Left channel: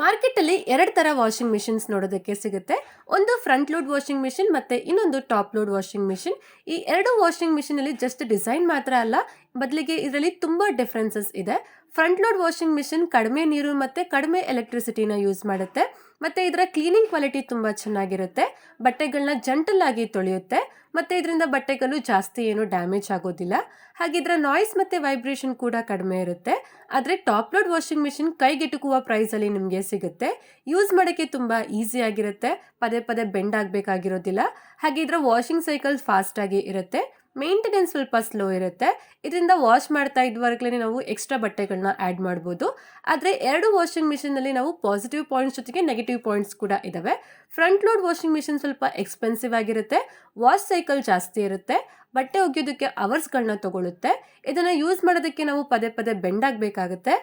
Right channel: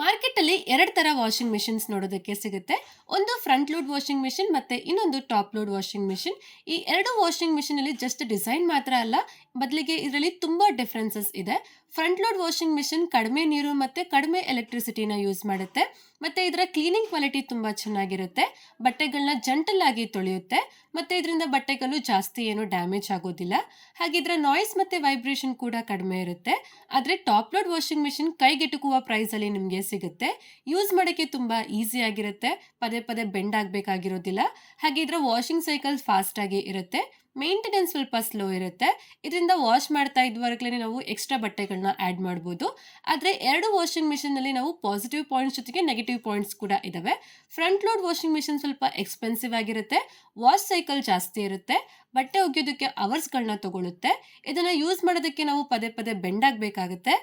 ಮಾರ್ಕೆಟಲ್ಲಿ 2 ತರ washing machines ನೋಡೋದಕ್ಕೆ ಸಿಗುತ್ತೆ. ಒಂದು ಫ್ರಂಟ್ ಲೋಡ್ ವಾಷಿಂಗ್ ಮಿಷಿನ್ ಮತ್ತೆ ಇನ್ನೊಂದು ಟಾಪ್ ಲೋಡ್ ವಾಷಿಂಗ್ ಮಿಷಿನ್. ಈ 2 ವಾಷಿಂಗ್ ಮಿಷಿನ್ ಅಲ್ಲಿ ಜಸ್ಟ್ ಡಿಸೈನ್ ಮಾತ್ರ ಅಲ್ಲ, ಬದಲಿಗೆ ಇದರಲ್ಲಿ ತುಂಬಾ ಡಿಫರೆನ್ಸಸ್ ಇದೆ. ಫ್ರಂಟ್ ಲೋಡ್ ವಾಷಿಂಗ್ ಮಿಷಿನ್ ಕಡಿಮೆ ನೀರು ಮತ್ತೆ ಕಡಿಮೆ ಎಲೆಕ್ಟ್ರಿಸಿಟಿನ ಯೂಸ್ ಮಾಡುತ್ತೆ. ಮತ್ತೆ ಇದರ ಕ್ಲೀನಿಂಗ್ ಕ್ವಾಲಿಟಿ ತುಂಬಾ ಚೆನ್ನಾಗಿರುತ್ತೆ. ಬಟ್ಟೆಗಳನ್ನ ಜಂಟಲ್ ಆಗಿ ತೊಳೆಯುತ್ತೆ. ಮತ್ತೆ ಇದರಿಂದ ಬಟ್ಟೆಗಳು ಜಾಸ್ತಿ ಏನು ಡ್ಯಾಮೇಜ್ ಆಗೋದಿಲ್ಲ. ಹಾಗೆ ಇದರ ನಾಯ್ಸ್ ಮತ್ತೆ ವೈಬ್ರೇಷನ್ ಕೂಡ ಕಡಿಮೆ ಇರುತ್ತೆ. ಆದ್ರೆ ಟಾಪ್ ಲೋಡ್ ವಾಷಿಂಗ್ ಮಿಷಿನ್ ಕೈಗೆಟುಕುವ ಪ್ರೈಸ್ ಅಲ್ಲಿ ನಿಮಗೆ ಸಿಗುತ್ತೆ. ಯೂಸ್ ಮಾಡೋಕ್ಕೆ ತುಂಬಾ ಈಸಿ ಆಗಿರುತ್ತೆ. ಪದೇ ಪದೇ ಬೆಂಡ್ ಆಗಬೇಕಾಗಿರೋದಿಲ್ಲ. ಹಾಗೆ ಇದರ ವಾಷಿಂಗ್ ಸೈಕಲ್ ಫಾಸ್ಟ್ ಆಗಿ ಇರುತ್ತೆ. ಮೇಂಟೆನೆನ್ಸ್ ಸ್ವಲ್ಪ ಸ್ಲೋ ಇರುತ್ತೆ. ಇದರಿಂದ ವಾಶ್ ಮಾಡ್ತಾ ಇದ್ವಾಗಲೇ ನಾವು ಎಕ್ಸ್ಟ್ರಾ ಬಟ್ಟೆಗಳನ್ನ ಆ್ಯಡ್ ಮಾಡ್ಬೋದು. ಆದರೆ 2 ವಾಷಿಂಗ್ ಮಿಷಿನಲ್ಲಿ ನಾವು ಪಾಸಿಟಿವ್ ಪಾಯಿಂಟ್ಸ್ ಜೊತೆಗೆ ನೆಗೆಟಿವ್ ಪಾಯಿಂಟ್ಸ್ ಕೂಡ ಇದಾವೆ. ಫ್ರಂಟ್ ಲೋಡ್ ವಾಷಿಂಗ್ ಮಿಷಿನ್ ಸ್ವಲ್ಪ ಎಕ್ಸ್ಪೆನ್ಸಿವ್ ಆಗಿರುತ್ತೆ. ವಾಶ್ ಸೈಕಲ್ ಜಾಸ್ತಿ ಇರುತ್ತೆ. ಬಟ್ಟೆ ಒಗೆಯೋದಕ್ಕೆ ಅವರ್ಸ್ಗಳನ್ನ ತಗೊಳುತ್ತೆ. ಇದನ್ನ ಯೂಸ್ ಮಾಡೋದಕ್ಕೆ ನಾವು ಪದೇ ಪದೇ ಬೆಂಡ್ ಆಗಬೇಕಾಗುತ್ತೆ.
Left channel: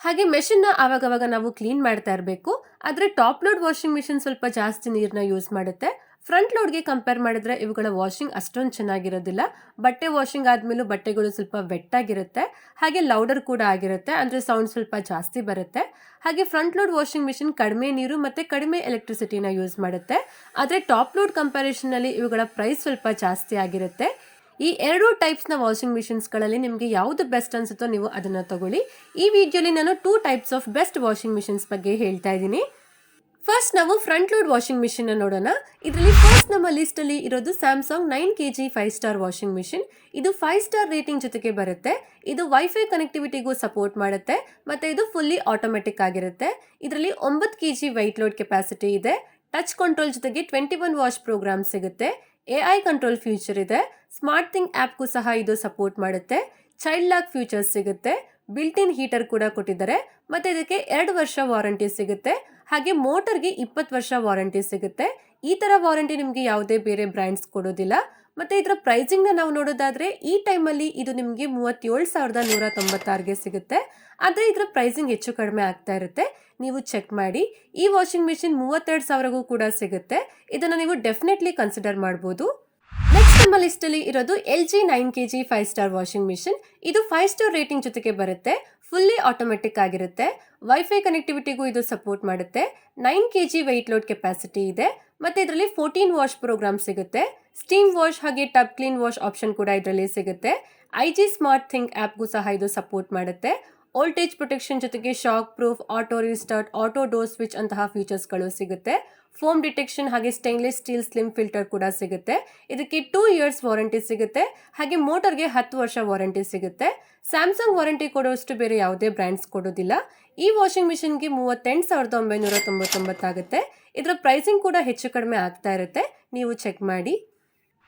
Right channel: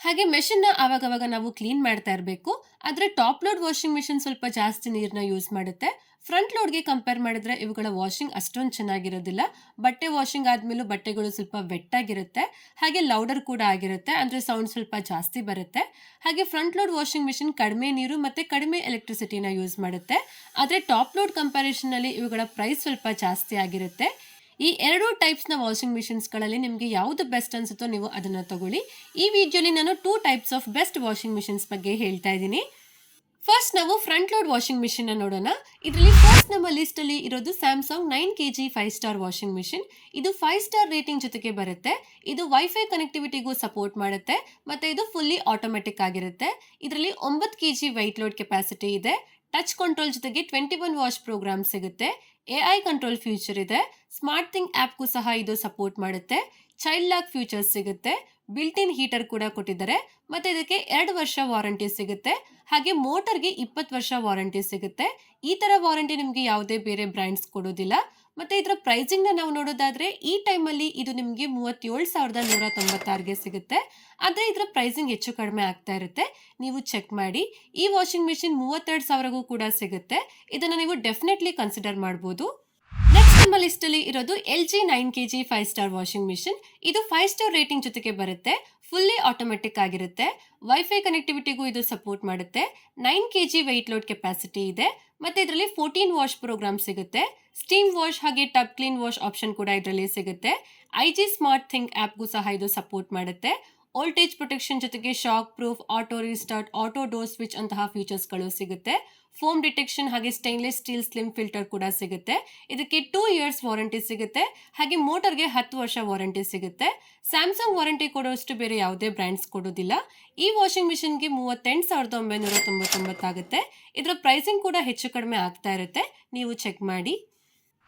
ಹಾಗೆ ಮೆಷಿನ್ನ ಆವಾಗವಾಗ ನಾವು ಕ್ಲೀನ್ ಮಾಡ್ತಾ ಇರಬೇಕು. ಆದರೆ ಟಾಪ್ ಲೋಡ್ ವಾಷಿಂಗ್ ಮಿಷಿನ್ ಸ್ವಲ್ಪ ಜಾಸ್ತಿ ನೀರನ್ನ ಯೂಸ್ ಮಾಡುತ್ತೆ. ಫ್ರಂಟ್ ಲೋಡ್ಗೆ ಕಂಪೇರ್ ಮಾಡಿದ್ರೆ ಇವುಗಳ ವಾಷಿಂಗ್ ಅಷ್ಟೊಂದು ಚೆನ್ನಾಗಿರೋದಿಲ್ಲ. ಬಟ್ಟೆ ವಾಷಿಂಗ್ ಆದಮೇಲೂ ಬಟ್ಟೆಗಳು ಸ್ವಲ್ಪ ವೆಟ್ ಆಗಿರುತ್ತೆ. ಹಾಗೆ ಲೌಡರ್ ಕೂಡ ಆಗಿರುತ್ತೆ. ಅಂದರೆ ಸೌಂಡ್ ಸ್ವಲ್ಪ ಜಾಸ್ತಿ ಬರುತ್ತೆ. ಹಾಗೆ ಫ್ರಂಟ್ ಲೋಡ್ ವಾಷಿಂಗ್ ಮಿಷಿನ್ ಕಡಿಮೆ ನೀರು ಮತ್ತು ಕಡಿಮೆ ಎಲೆಕ್ಟ್ರಿಸಿಟಿನ ಯೂಸ್ ಮಾಡುತ್ತೆ. ಆದರೆ ಟಾಪ್ ಲೋಡ್ ಕಂಪ್ಯಾರಿಷನಲ್ಲಿ ಇವುಗಳ ಪ್ರೈಸ್ ಸ್ವಲ್ಪ ಜಾಸ್ತಿ ಆಗಿರುತ್ತೆ. ಈ 2 ಟೈಪ್ಸ್ನ ವಾಷಿಂಗ್ ಮಿಷಿನ್ಸ್ಗಳಲ್ಲಿ ನಿಮಗೆ ಯಾವುದು ಬೆಸ್ಟ್ ಅನ್ಸುತ್ತೋ ನೀವು ಅದನ್ನು ತಗೊಳ್ಳಿ. ಈ ವಿಡಿಯೋಲಿ ನಾನು 2 types of best washing machines ಬಗ್ಗೆ ಹೇಳ್ತಾ ಇದ್ದೀನಿ. ಫಸ್ಟ್ ನಾವು ಫ್ರಂಟ್ ಲೋಡ್ ವಾಷಿಂಗ್ ಮಿಷಿನ್ ನೋಡೋಣ. ಇದರಲ್ಲಿ ಫಸ್ಟ್ ನಮ್ಮ ಲಿಸ್ಟ್ ಅಲ್ಲಿ ಇರೋದು Samsung 9 kg 5 star washing machine. ಇದು 5 ಸ್ಟಾರ್ ರೇಟಿಂಗ್ ಜೊತೆಗೆ ಬರುತ್ತೆ. ಇದು ವೈಫೈ ಕನೆಕ್ಟಿವಿಟಿಗೂ ಸಪೋರ್ಟ್ ಮಾಡುತ್ತೆ. ಮತ್ತೆ ಇದು ಫುಲ್ಲಿ ಆಟೋಮೆಟಿಕ್ ಆಗಿರುತ್ತೆ. ಇದರಲ್ಲಿ 9 kg ವೈಟ್ ಲೋಡ್ ಕೆಪಾಸಿಟಿ ಇದೆ. ಟಚ್ ಕಂಟ್ರೋಲ್ ಜೊತೆಗೆ 21 ವಾಶ್ ಪ್ರೋಗ್ರಾಮ್ ಸಿಗುತ್ತೆ. AI ಕಂಟ್ರೋಲ್ ಫ್ಯೂಚರ್ ಇದೆ. ಸ್ಮಾರ್ಟ್ ಥಿಂಗ್ ಆ್ಯಪ್ಗೂ ಸಹ ಇದು ಸಪೋರ್ಟ್ ಮಾಡುತ್ತೆ. ಚೈಲ್ಡ್ ಲಾಕ್ ಫ್ಯೂಚರ್ಸ್ ಸಿಗುತ್ತೆ. ಬಿಲ್ಟ್ ಇನ್ ಹೀಟರ್ ಕೂಡ ಕೊಟ್ಟಿದ್ದಾರೆ. ಮತ್ತೆ ಇದಕ್ಕೆ 2 ವರ್ಷ ವಾರಂಟಿ ಸಿಗುತ್ತೆ. ಹಾಗೆ ಮೋಟರ್ಗೆ 20 ವರ್ಷ ವಾರಂಟಿ ಸಿಗುತ್ತೆ. ಈ ತರ ವಾರಂಟಿ ನಿಮಗೆ ಯಾವುದೇ ಬೇರೆ ಬ್ರ್ಯಾಂಡ್ಸ್ ಕೊಡೋದಿಲ್ಲ. ಮತ್ತೆ ಇದರ ಪ್ರೈಸಿಂಗ್ನ ನಾವು ನೋಡೋದಾದ್ರೆ ಈ ಟೈಮಲ್ಲಿ ಇದು ನಿಮಗೆ 37,196ಗೆ ಸಿಗುತ್ತೆ. ಆದರೆ ಇದರ ಪ್ರೈಸಿಂಗ್ ಹೆಚ್ಚು ಕಡಿಮೆ ಆಗ್ತಾ ಇರುತ್ತೆ. ನೀವು ಚೆಕ್ ಮಾಡಿ. ಈ ವಾಷಿಂಗ್ ಮಿಷಿನ್ 32,000ಗೂ ಕೂಡ ಸಿಗುತ್ತೆ. ಇದನ್ನು ನೀವು ಡೆಫಿನೆಟ್ಲಿ ಕನ್ಸಿಡರ್ ಮಾಡ್ಬೋದು. ನೆಕ್ಸ್ಟ್ ನಮ್ಮ ಲಿಸ್ಟ್ ಅಲ್ಲಿ ಇರೋದು LG 9 kg 5 star washing machine. ಇದು 5 ಸ್ಟಾರ್ ರೇಟಿಂಗ್ ಜೊತೆಗೆ ಬರುತ್ತೆ. ಫುಲ್ಲಿ ಆಟೋಮೆಟಿಕ್ ಆಗಿರುತ್ತೆ. ವೈಫೈ ಕನೆಕ್ಟಿವಿಟಿಗೂ ಇದು ಸಪೋರ್ಟ್ ಮಾಡುತ್ತೆ. 9 kg ವೆಯ್ಟ್ ಲೋಡ್ ಕೆಪಾಸಿಟಿ ಇದೆ. ಮತ್ತೆ ಇದರಲ್ಲಿ 14 ವಾಶ್ ಪ್ರೋಗ್ರಾಮ್ ಸಿಗುತ್ತೆ. ಸ್ಟೀಮ್ ವಾಶ್ ಹಾಗೆ ಟಬ್ ಕ್ಲೀನ್ ವಾಶ್ ಆಪ್ಷನ್ ಕೂಡ ಇದರಲ್ಲಿ ಸಿಗುತ್ತೆ. IG ಸ್ಮಾರ್ಟ್ ಥಿಂಗ್ ಆ್ಯಪ್ಗೂ ಸಹ ಇದು ಸಪೋರ್ಟ್ ಮಾಡುತ್ತೆ. ವೋಲ್ಟೇಜ್ ಪ್ರೊಟೆಕ್ಷನ್ ಜೊತೆಗೆ shock proof, auto restart, auto door switch ಅಂತಹ ಫೀಚರ್ಸ್ಗಳು ಸಿಗುತ್ತೆ. ಫೋಮ್ ಡಿಟೆಕ್ಷನ್ ಹಾಗೆ ಸ್ಟೇನ್ಲೆಸ್ ಸ್ಟೀಲ್ ಸ್ಲಿಮ್ ಫಿಲ್ಟರ್ ಕೂಡ ಸಿಗುತ್ತೆ. ಇದಕ್ಕೆ 2 ಇಯರ್ಸ್ ವಾರಂಟಿ ಸಿಗುತ್ತೆ. ಹಾಗೆ ಮೋಟರ್ಗೆ 10 ವರ್ಷ ವಾರಂಟಿ ಸಿಗುತ್ತೆ. ಸ್ಯಾಮ್ಸಂಗ್ ವಾರಂಟಿ ಕೊಡುವಷ್ಟು ಬೇರೆ ಯಾವುದೇ ಬ್ರ್ಯಾಂಡ್ಸ್ ಕೊಡೋದಿಲ್ಲ. ಈ ವಾಷಿಂಗ್ ಮಿಷಿನ್ಗೆ 38,999 ಆಗುತ್ತೆ. ಇದರ ಪ್ರೈಸಿಂಗ್ ಕೂಡ ಹೆಚ್ಚು ಕಡಿಮೆ ಆಗ್ತಾ ಇರುತ್ತೆ. ನೀವು ಚೆಕ್ ಮಾಡಿ.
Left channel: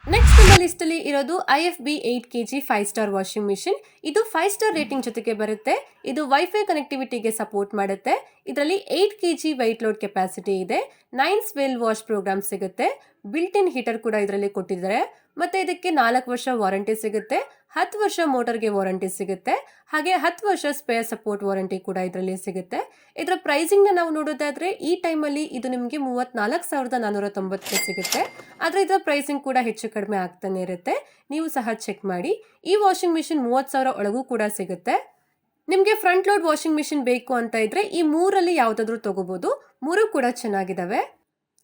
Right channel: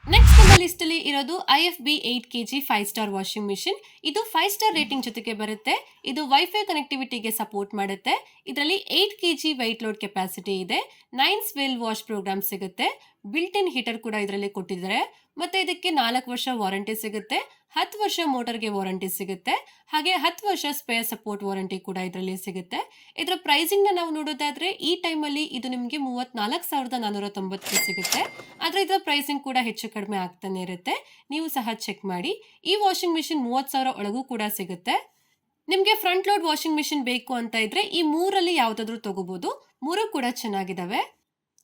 ನೆಕ್ಸ್ಟ್ ನಮ್ಮ ಲಿಸ್ಟ್ ಅಲ್ಲಿ ಇರೋದು IFB 8 kg 5 star washing machine. ಇದು 5 ಸ್ಟಾರ್ ರೇಟಿಂಗ್ ಜೊತೆಗೆ ಬರುತ್ತೆ. ಇದು ವೈಫೈ ಕನೆಕ್ಟಿವಿಟಿಗೆ ಸಪೋರ್ಟ್ ಮಾಡುತ್ತೆ. ಇದರಲ್ಲಿ 8 kg ವೈಟ್ ಲೋಡ್ ಕೆಪಾಸಿಟಿ ಇದೆ. 9 ಸ್ವೆಲ್ ವಾಶ್ ಪ್ರೋಗ್ರಾಮ್ ಸಿಗುತ್ತೆ. ಬಿಲ್ಟ್ ಇನ್ ಹೀಟರ್ ಕೂಡ ಇದರಲ್ಲಿ ಕೊಟ್ಟಿದ್ದಾರೆ. ಮತ್ತೆ ಇದಕ್ಕೆ 4 ವರ್ಷ ವಾರಂಟಿ ಸಿಗುತ್ತೆ. 10 ವರ್ಷ ಮೋಟರ್ಗೆ ವಾರಂಟಿ ಸಿಗುತ್ತೆ. ಹಾಗೆ 10 ವರ್ಷ ಸ್ಪೇರ್ ಸಪೋರ್ಟ್ ವಾರಂಟಿ ಕೂಡ ಇದರಲ್ಲಿ ಸಿಗುತ್ತೆ. ಇದರ ಪ್ರೈಸಿಂಗ್ನ ನಾವು ನೋಡೋದಾದ್ರೆ ಈ ಟೈಮಲ್ಲಿ ಇದು ನಿಮಗೆ 34,490ಕ್ಕೆ ಸಿಗುತ್ತೆ. ಆದರೆ ಇದರ ಪ್ರೈಸಿಂಗ್ ಕೂಡ ಹೆಚ್ಚು ಕಡಿಮೆ ಆಗ್ತಾನೆ ಇರುತ್ತೆ. ನೀವು ಸಹ ಚೆಕ್ ಮಾಡಿ. ಈ ವಾಷಿಂಗ್ ಮಿಷಿನ್ 30,000 ಒಳಗೂ ಕೂಡ ಸಿಗುತ್ತೆ. ನಿಮಗೆ ಫ್ರಂಟ್ ಲೋಡ್ ವಾಷಿಂಗ್ ಮಿಷಿನ್ ಬೇಕು ಅಂತ ಇದ್ರೆ ಈ 3ರಲ್ಲಿ ಯಾವುದಾದ್ರೂ ತಗೋಬಹುದು. 3 ಕೂಡ ಚೆನ್ನಾಗಿದ್ದಾವೆ.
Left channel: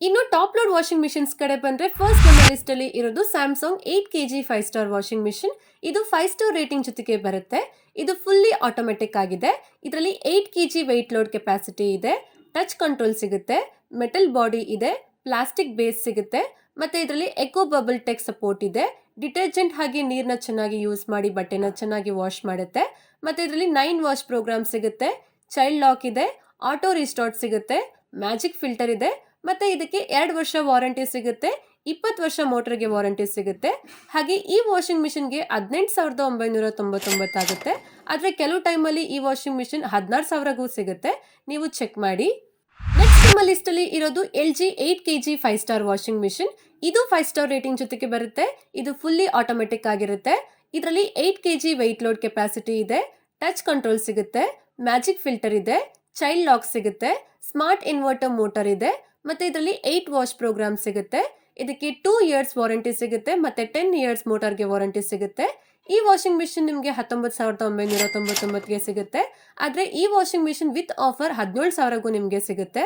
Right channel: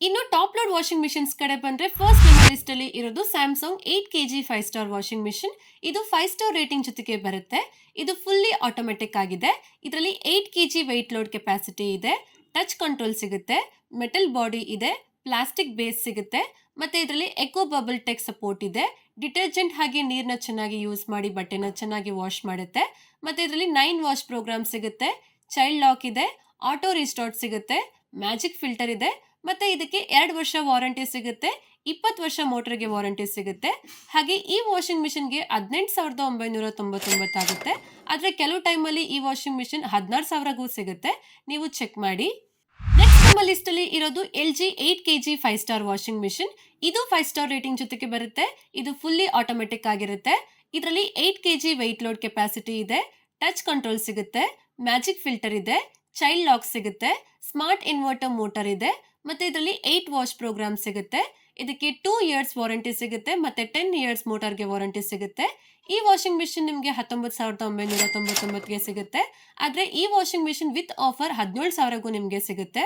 ಇನ್ನು ಟಾಪ್ ಲೋಡ್ ವಾಷಿಂಗ್ ಮಿಷಿನ್ಸ್ ಕಡೆ ಬಂದ್ರೆ ಫಸ್ಟ್ ನಮ್ಮ ಲಿಸ್ಟ್ ಅಲ್ಲಿ ಇರೋದು Samsung 8 kg 5 star washing machine. ಇದು 5 ಸ್ಟಾರ್ ರೇಟಿಂಗ್ ಜೊತೆಗೆ ಬರುತ್ತೆ. ಇದು ಫುಲ್ಲಿ ಆಟೋಮೆಟಿಕ್ ಆಗಿದೆ. ಇದರಲ್ಲಿ 8 kg ವೆಯ್ಟ್ ಲೋಡ್ ಕೆಪಾಸಿಟಿ ಇದೆ. ಟಚ್ ಕಂಟ್ರೋಲ್ ಸಿಗುತ್ತೆ. ಮೆಟಲ್ ಬಾಡಿ ಇದೆ. ಪ್ಲಾಸ್ಟಿಕ್ ಬೇಸ್ ಸಿಗುತ್ತೆ. ಮತ್ತೆ ಇದರಲ್ಲಿ ಎಕೋ ಬಬಲ್ ಟೆಕ್ ಸಪೋರ್ಟ್ ಇದೆ. ಡಿಟರ್ಜೆಂಟ್ ಹಾಗೆ ನೀರನ್ನ ಚೆನ್ನಾಗಿ ಯೂಸ್ ಮಾಡಿ ಬಟ್ಟೆನ ಚೆನ್ನಾಗಿ ವಾಶ್ ಮಾಡುತ್ತೆ. ಮತ್ತೆ ಇದರಲ್ಲಿ 9 ವಾಶ್ ಪ್ರೋಗ್ರಾಮ್ ಸಿಗುತ್ತೆ. ಚೈಲ್ಡ್ ಲಾಕ್ ಇದೆ. ಆಟೋ ರೀಸ್ಟಾರ್ಟ್ ಸಿಗುತ್ತೆ. ಮ್ಯಾಜಿಕ್ ಫಿಲ್ಟರ್ ಇದೆ. ಮತ್ತೆ ಇದಕ್ಕೆ 2 ವರ್ಷ ವಾರಂಟಿ ಸಿಗುತ್ತೆ. 20 ವರ್ಷ ಮೋಟರ್ಗೆ ವಾರಂಟಿ ಸಿಗುತ್ತೆ. ಹಾಗೆ ಈ ವಾಷಿಂಗ್ ಮಿಷಿನ್ಗೆ 18,999 ಆಗುತ್ತೆ. ಆದರೆ ಕೆಲವು ಟೈಮಲ್ಲಿ ಈ ವಾಷಿಂಗ್ ಮಿಷಿನ್ 16,000ಗೂ ಸಿಗುತ್ತೆ. ನೀವು ಚೆಕ್ ಮಾಡಿ. ನೆಕ್ಸ್ಟ್ ನಮ್ಮ ಲಿಸ್ಟ್ ಅಲ್ಲಿ ಇರೋದು LG 8 kg 5 star washing machine. ಇದು 5 ಸ್ಟಾರ್ ರೇಟಿಂಗ್ ಜೊತೆಗೆ ಬರುತ್ತೆ. ಇದು ಫುಲ್ಲಿ ಆಟೋಮೆಟಿಕ್ ಆಗಿರುತ್ತೆ. ಇದರಲ್ಲಿ 8 kg ವೆಯ್ಟ್ ಲೋಡ್ ಕೆಪಾಸಿಟಿ ಇದೆ. ಟಚ್ ಕಂಟ್ರೋಲ್ ಸಿಗುತ್ತೆ. ಮ್ಯಾಜಿಕ್ ಫಿಲ್ಟರ್ ಇದೆ. ಚೈಲ್ಡ್ ಲಾಕ್ ಸಿಗುತ್ತೆ. ಸ್ಮಾರ್ಟ್ ಇನ್ವರ್ಟರ್ ಮೋಟರ್ ಇದೆ. ಮತ್ತೆ ಇದರಲ್ಲಿ 8 ವಾಶ್ ಪ್ರೋಗ್ರಾಮ್ ಸಿಗುತ್ತೆ. ಇದಕ್ಕೆ 2 ಇಯರ್ಸ್ ವಾರಂಟಿ ಸಿಗುತ್ತೆ. ಮತ್ತೆ 10 ಇಯರ್ಸ್ ಮೋಟರ್ಗೆ ವಾರಂಟಿ ಸಿಗುತ್ತೆ. ಈ ವಾಷಿಂಗ್ ಮಿಷಿನ್ ನಿಮಗೆ 19,999ಗೆ ಸಿಗುತ್ತೆ. ಆದ್ರೆ ಈ ವಾಷಿಂಗ್ ಮಿಷಿನ್ ವಿತ್ ಆಫರ್ 17,000ಗೂ ನಿಮಗೆ ಸಿಗುತ್ತೆ.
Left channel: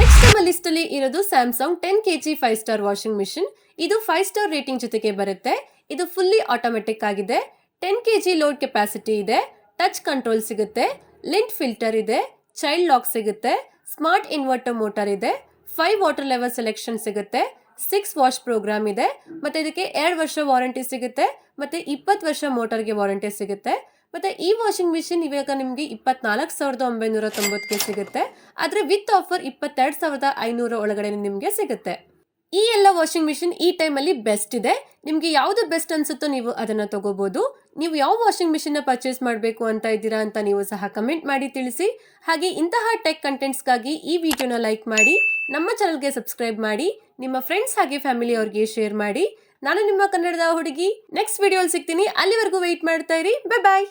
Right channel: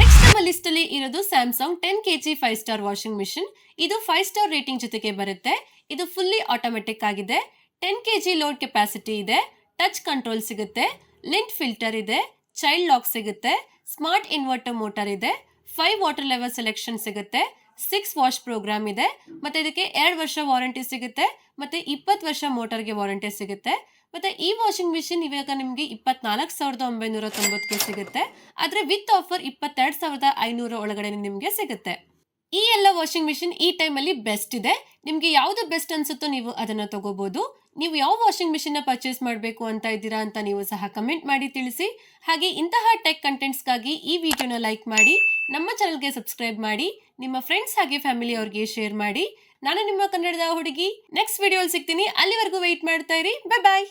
ನೆಕ್ಸ್ಟ್ ನಮ್ಮ ಲಿಸ್ಟ್ ಅಲ್ಲಿ ಇರೋದು Samsung 10 KG 5 star washing machine. ಇದು 5 ಸ್ಟಾರ್ ರೇಟಿಂಗ್ ಜೊತೆಗೆ ಬರುತ್ತೆ. ಇದು ಫುಲ್ಲಿ ಆಟೋಮೆಟಿಕ್ ಆಗಿದೆ. 10 ಕೆಜಿ ಲೋಡ್ ಕೆಪಾಸಿಟಿ ಇದೆ. ಟಚ್ ಕಂಟ್ರೋಲ್ ಸಿಗುತ್ತೆ. ಲಿಂಟ್ ಫಿಲ್ಟರ್ ಇದೆ. ಚೈಲ್ಡ್ ಲಾಕ್ ಸಿಗುತ್ತೆ. ಸ್ಮಾರ್ಟ್ ಇನ್ವರ್ಟರ್ ಮೋಟರ್ ಇದೆ. 5 ವಾಟರ್ ಲೆವೆಲ್ ಸೆಲೆಕ್ಷನ್ ಸಿಗುತ್ತೆ. 6 ವಾಶ್ ಪ್ರೋಗ್ರಾಮ್ ಇದೆ. ಮತ್ತೆ ಇದಕ್ಕೆ 2 ವರ್ಷ ವಾರಂಟಿ ಸಿಗುತ್ತೆ. ಮತ್ತೆ 20 ವರ್ಷ ಮೋಟರ್ಗೆ ವಾರಂಟಿ ಸಿಗುತ್ತೆ. ಮತ್ತೆ ಈ ವಾಷಿಂಗ್ ಮಿಷಿನ್ ಇವಾಗ ನಿಮಗೆ 24,990ಗೆ ಸಿಗುತ್ತೆ. ಆದ್ರೆ ವಿತ್ ಆಫರ್ 22,500 ಒಳಗಡೆ ನಿಮಗೆ ಸಿಗುತ್ತೆ. ಈ ಎಲ್ಲ ವಾಷಿಂಗ್ ಮಿಷಿನ್ ಈ ಟೈಮಲ್ಲಿ ಬೆಸ್ಟ್ ಇದೆ. ನಿಮಗೆ ಯಾವುದು ಬೆಸ್ಟ್ ಅನ್ಸುತ್ತೋ ನೀವು ಅದನ್ನ ತಗೋಬಹುದು. ನೀವು ಯಾವ ವಾಷಿಂಗ್ ಮಿಷಿನ್ ಪರ್ಚೇಸ್ ಮಾಡಬೇಕು ಅಂತ ಇದ್ದೀರಾ ಅಂತ ನೀವು ಸಹ ಕಮೆಂಟ್ ಮಾಡಿ ತಿಳಿಸಿ. ಹಾಗೆ ಇಂತಹ ಟೆಕ್ ಕಂಟೆಂಟ್ಸ್ಗಾಗಿ ಈ ವಿಡಿಯೋನ ಲೈಕ್ ಮಾಡಿ, ನಮ್ಮ ಚಾನಲ್ಗೆ ಸಬ್ಸ್ಕ್ರೈಬ್ ಮಾಡಿ, ನಿಮ್ಮ ಫ್ರೆಂಡ್ಸ್ ಹಾಗೆ ಫ್ಯಾಮಿಲಿ ಅವ್ರಿಗೆ ಶೇರ್ ಮಾಡಿ. ನಾನು ನಿಮ್ಮ ಕನ್ನಡದ ಹುಡುಗಿ ನೆಕ್ಸ್ಟ್ ವಿಡಿಯೋಲಿ ಸಿಗ್ತೀನಿ. ಅಲ್ಲಿವರೆಗೂ ವೆಯ್ಟ್ ಮಾಡ್ತಾ ಇರಿ. ಬೈ ಬಾಯ್.